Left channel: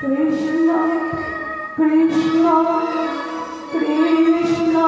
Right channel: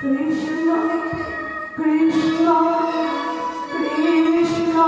কৃষ্ণ কৃষ্ণ কৃষ্ণ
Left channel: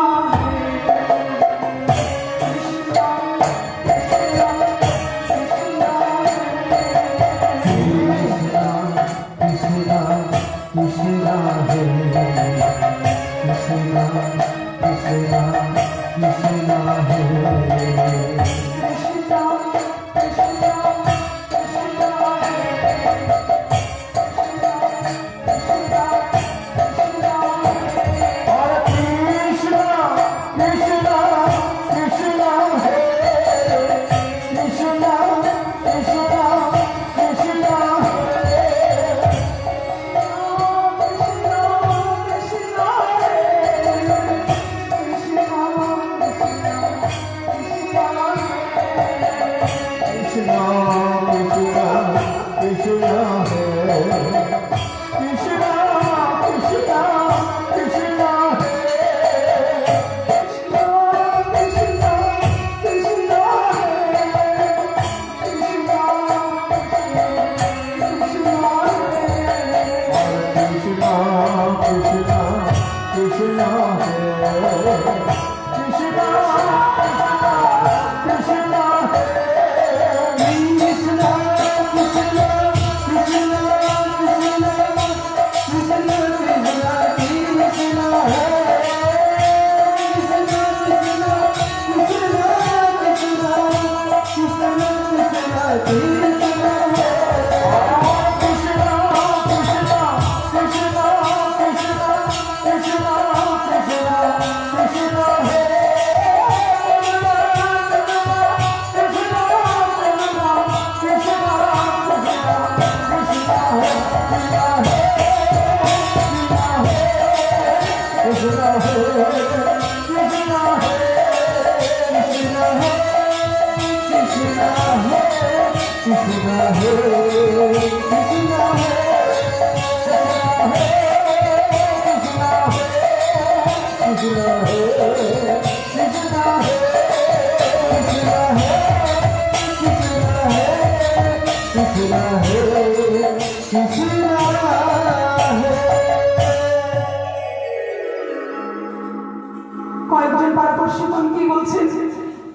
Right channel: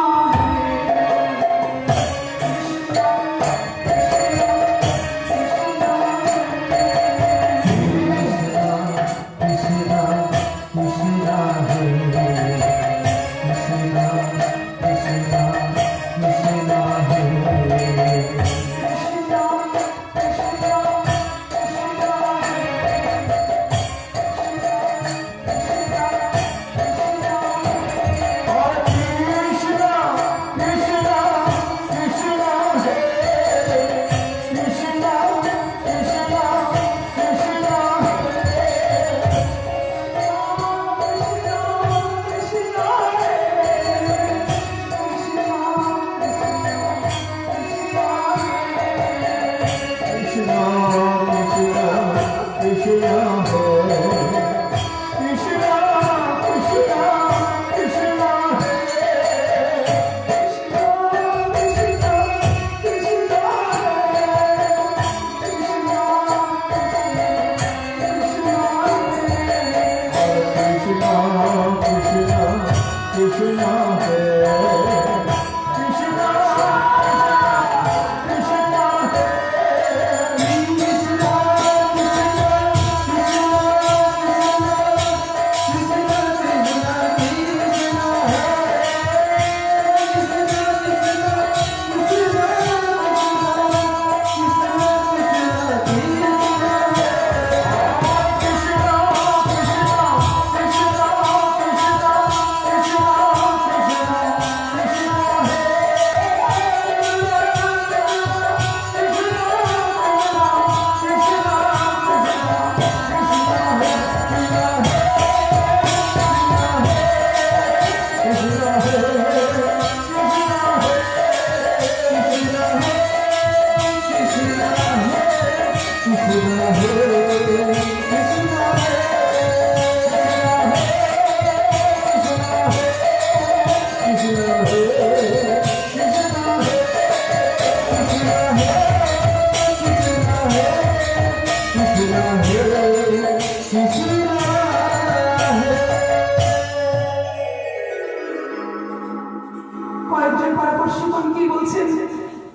কয়েকজন পারদর্শী কি বলছেন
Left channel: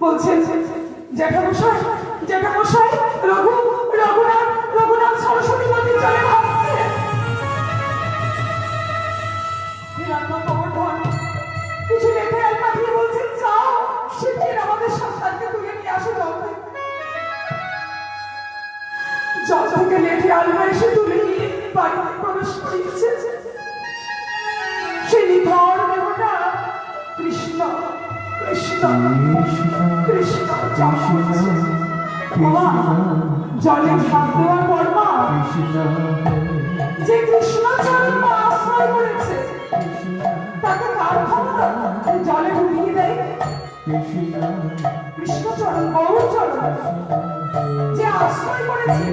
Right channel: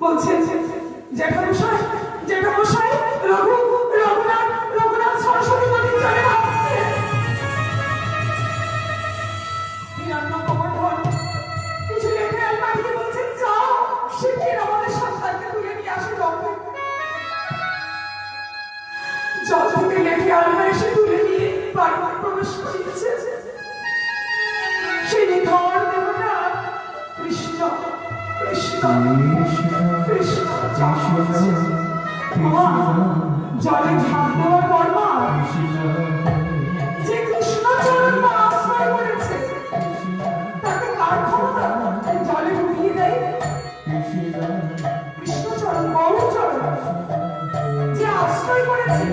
বলছেন জ্যাঠামশাই জ্যাঠামশাই রঘুনাথ সরস্বতী নদী চলে যাচ্ছে। কিছু লেখে আর পাঠিয়ে বলছেন যাও শিগগির আমাদের সন্তানকে তুলে নিয়ে আসো জল থেকে লেখে আলগা এসে তুলে নিয়ে বাড়িতে প্রবেশ করিয়েছে সেই নিধন দেবতা কৃষ্ণ কৃষ্ণ কৃষ্ণ জলে ঝাঁপ দেওয়ার পর মা যে কৃষ্ণ চরণ আশ্রয় করেছে তাকে কার ক্ষমতা জলে ডুবিয়ে দেয়? কৃষ্ণ চরণ গৌর চরণ যে আশ্রয় করেছে